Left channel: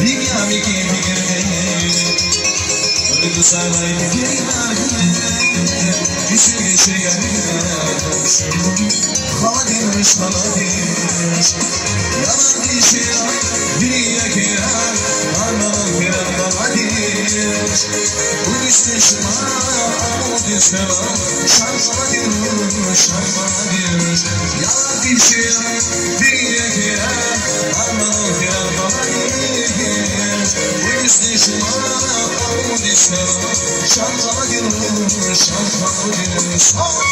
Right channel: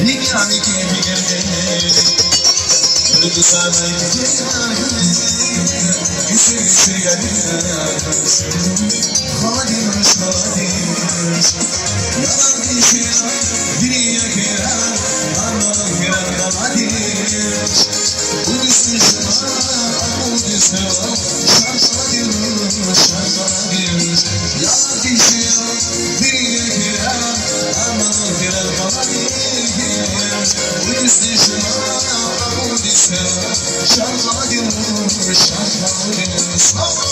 Dünyamı kimi geldi Duygu sarmayı Düşürüsü yarılar Kadir Yalan işiyor Dünya kirar Anam kirar Kadir Bu düşmüşüm Bu düşmüşüm Şarkıladır Yalan işiyor Dünya kirar Anam kirar Kadir Bu düşmüşüm Bu düşmüşüm Şarkıladır Şarkıladır